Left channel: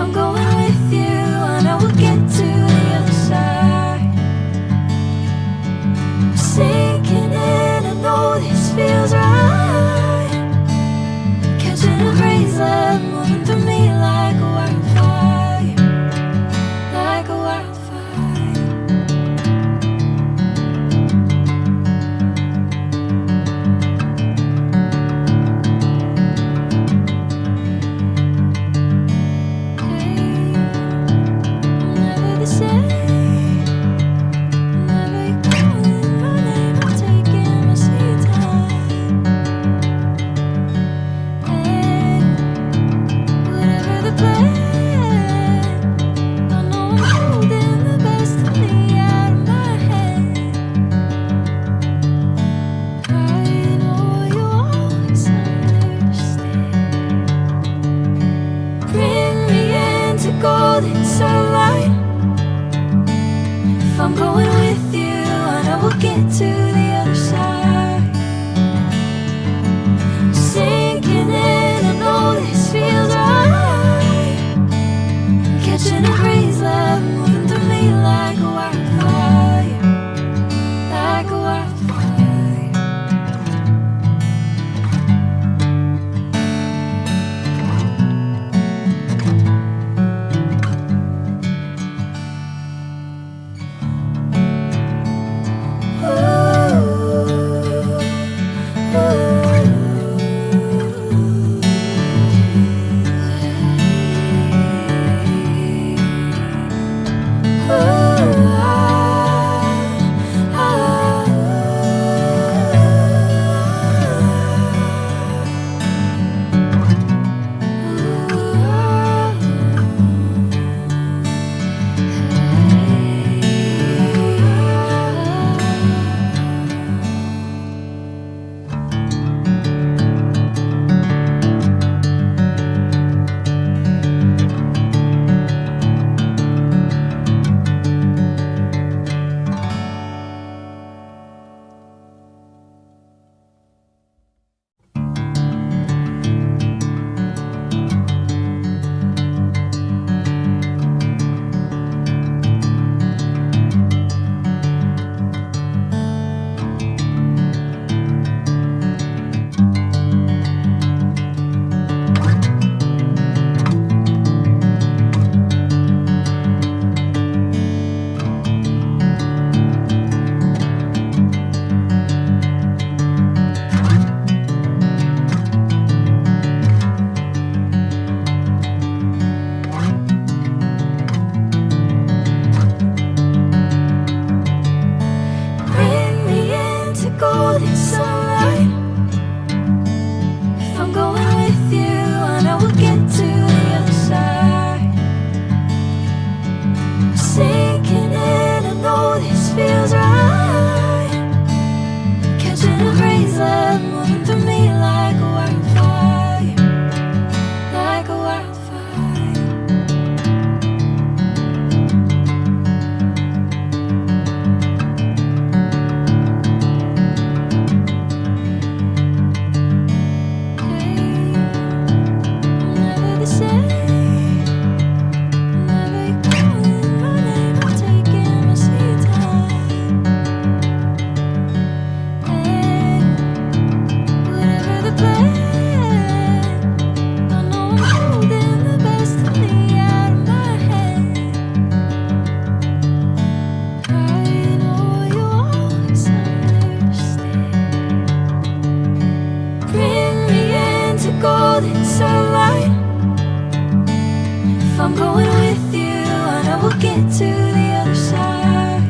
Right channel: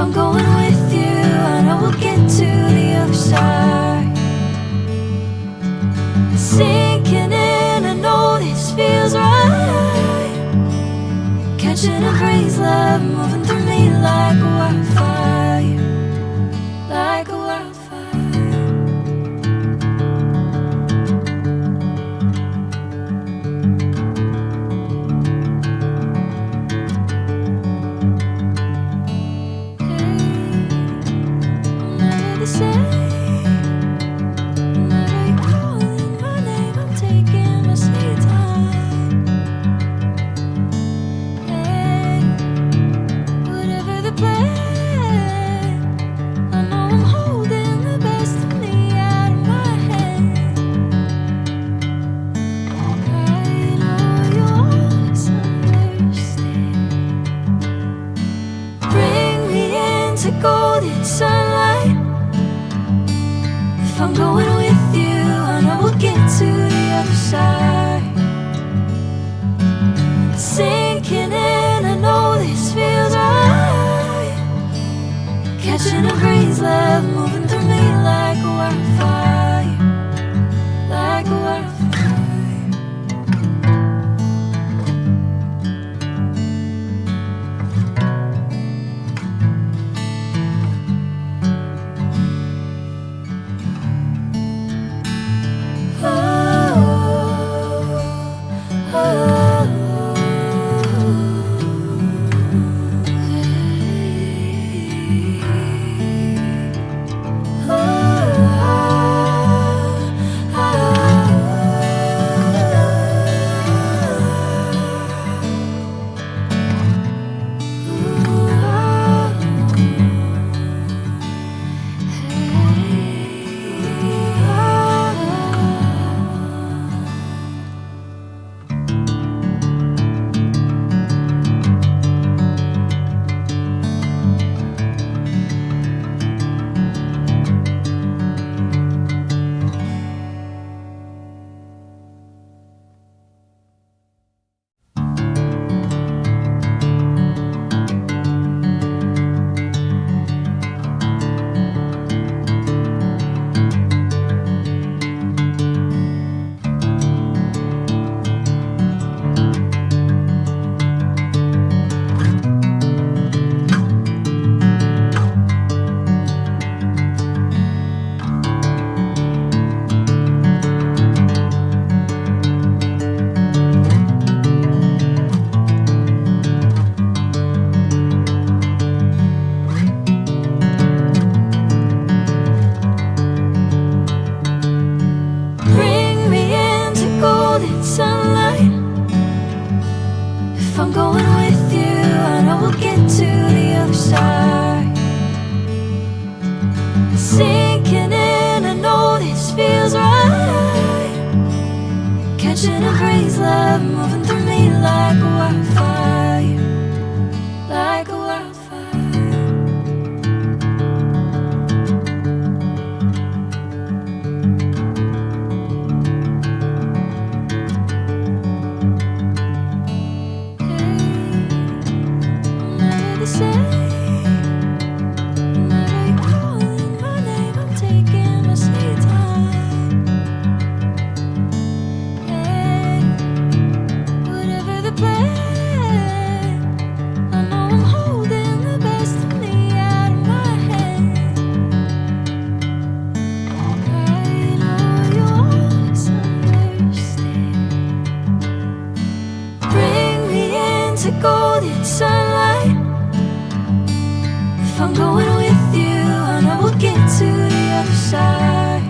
I'm going with you, I know we'll get to the other side. Sinking in, I know this feels right. Catching a crazy love, moving through me like a wildfire, like a wildfire. Golden sunlight. If I'm going with you, I know we'll get to the other side. Sinking in, I know this feels right. Catching a crazy love, moving through me like a wildfire, like a wildfire. Sinking in, I know this feels right. Catching a crazy love, moving through me like a wildfire, like a wildfire. Hey, I'm never the same. Golden sunlight. If I'm going with you, I know we'll get to the other side.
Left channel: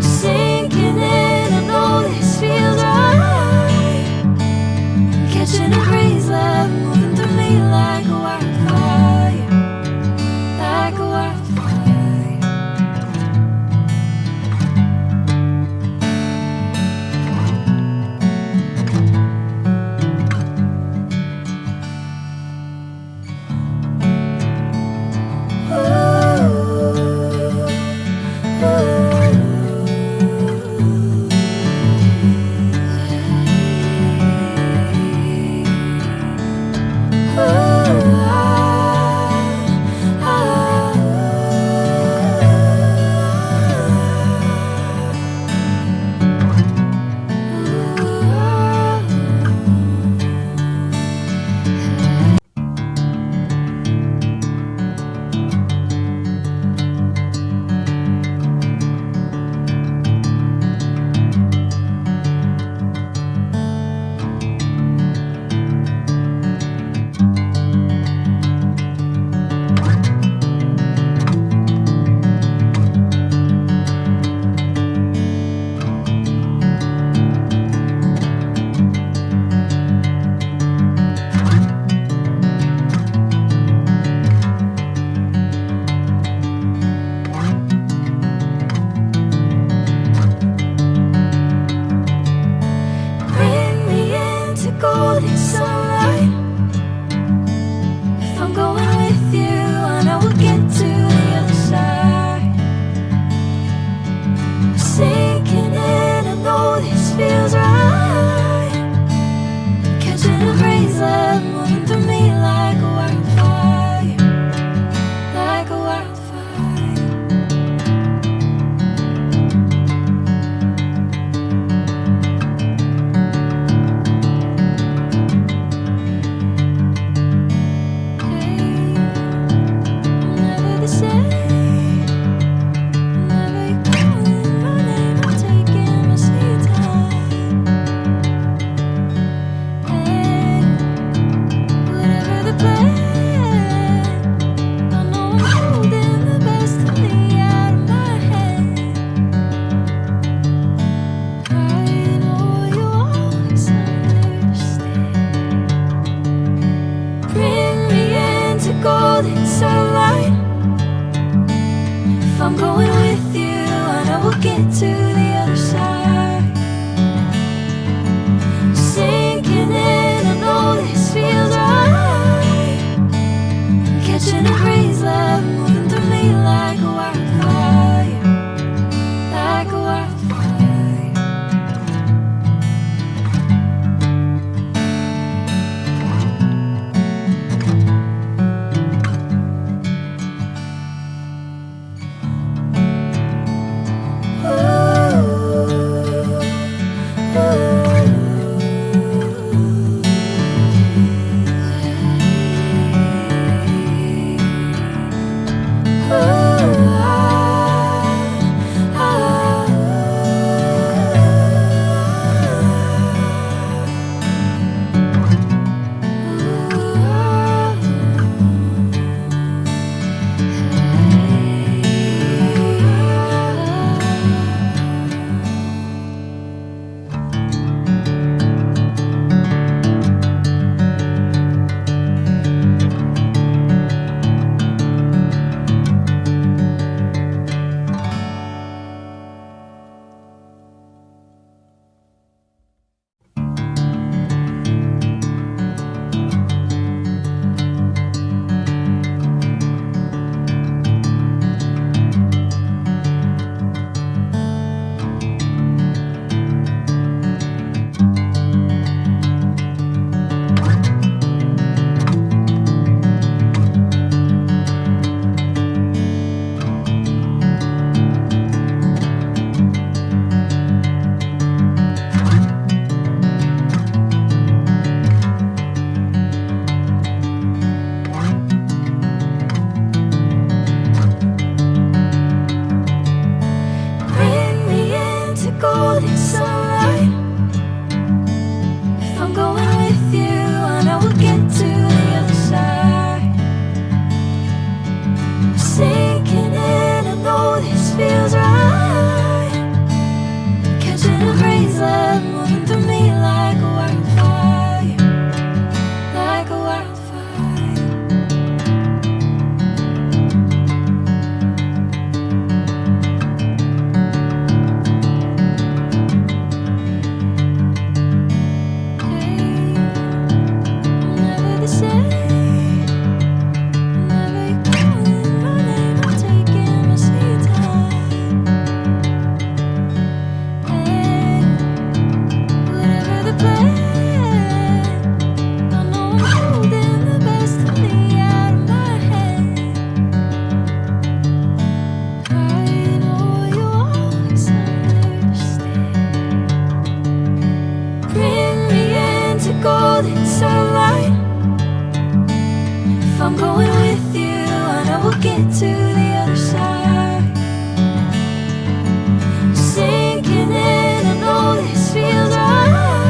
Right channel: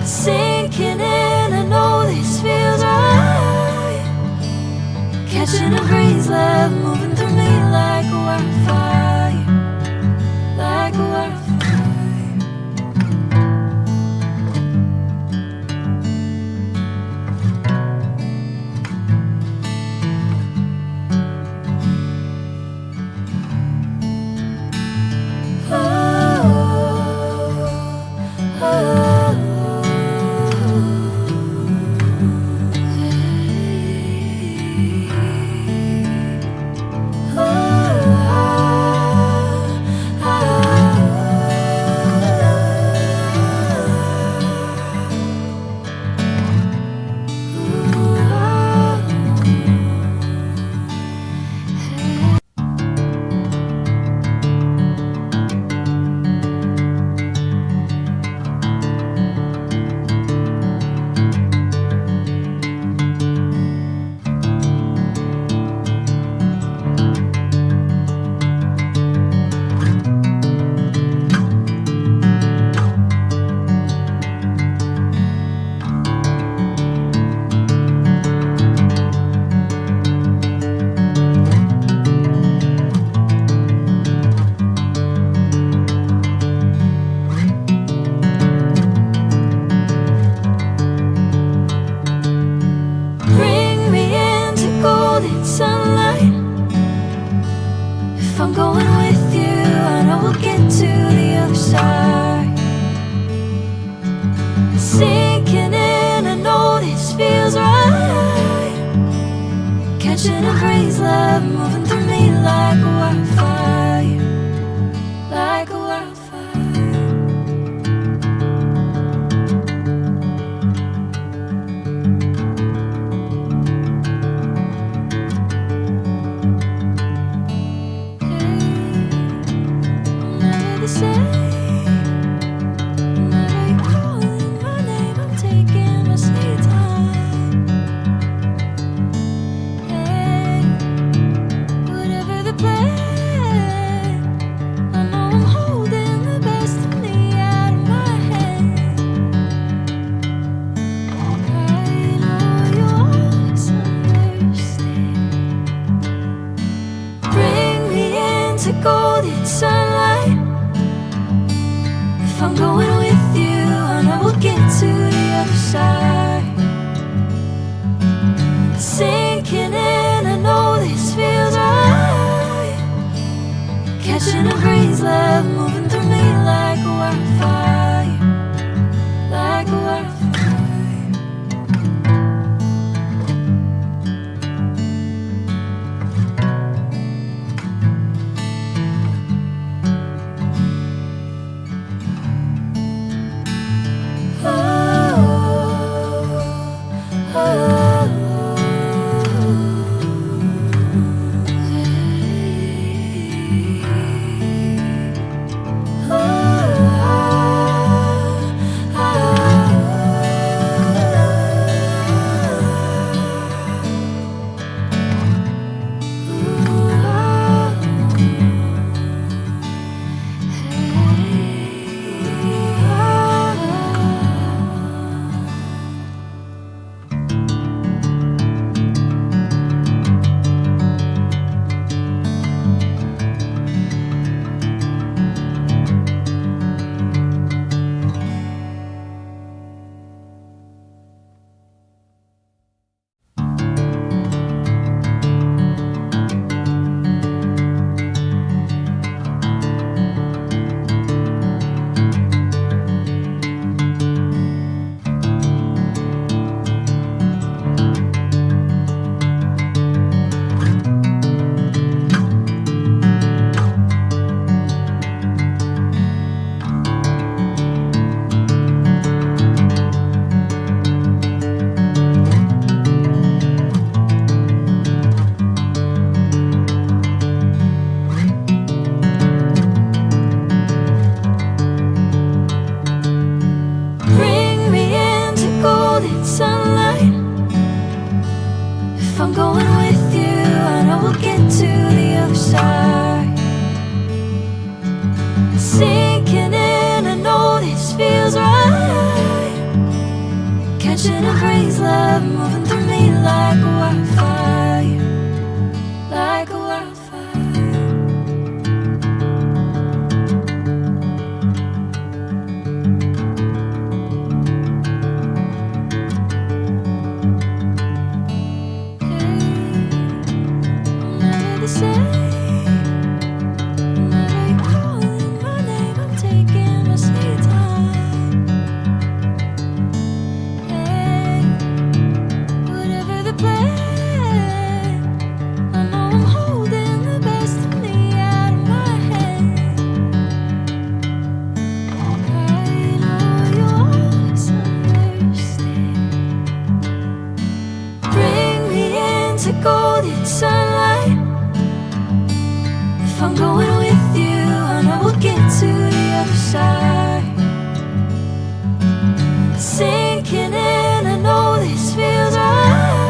Sinking in, I know this feels right. Catching a crazy love, moving through me like a wildfire, like a wildfire. catching a craze, love moving through me like a wildfire, like a wildfire. Hey, I'm never the same. Whenever you're calling my name, I'm taking my sweet time. Hey, whatever the plan, I know I'm holding the best of me out of my hand. I know you always understand. Bring me into golden sunlight. If I'm going with you, I know we'll get to the other side. Sinking in, I know this feels right. Catching a craze, love moving through me like a wildfire, like a wildfire. Bring me into golden sunlight. If I'm going with you, I know we'll get to the other side. Sinking in, I know this feels right. Catching a craze, love moving through me like a wildfire, like a wildfire. Hey, I'm never the same. Whenever you're calling my name, I'm taking my sweet time. Hey, whatever the plan, I know I'm holding the best of me out of my hand. I know you always understand. Bring me into golden sunlight. If I'm going with you, I know we'll get to the other side. Sinking in, I know this feels right.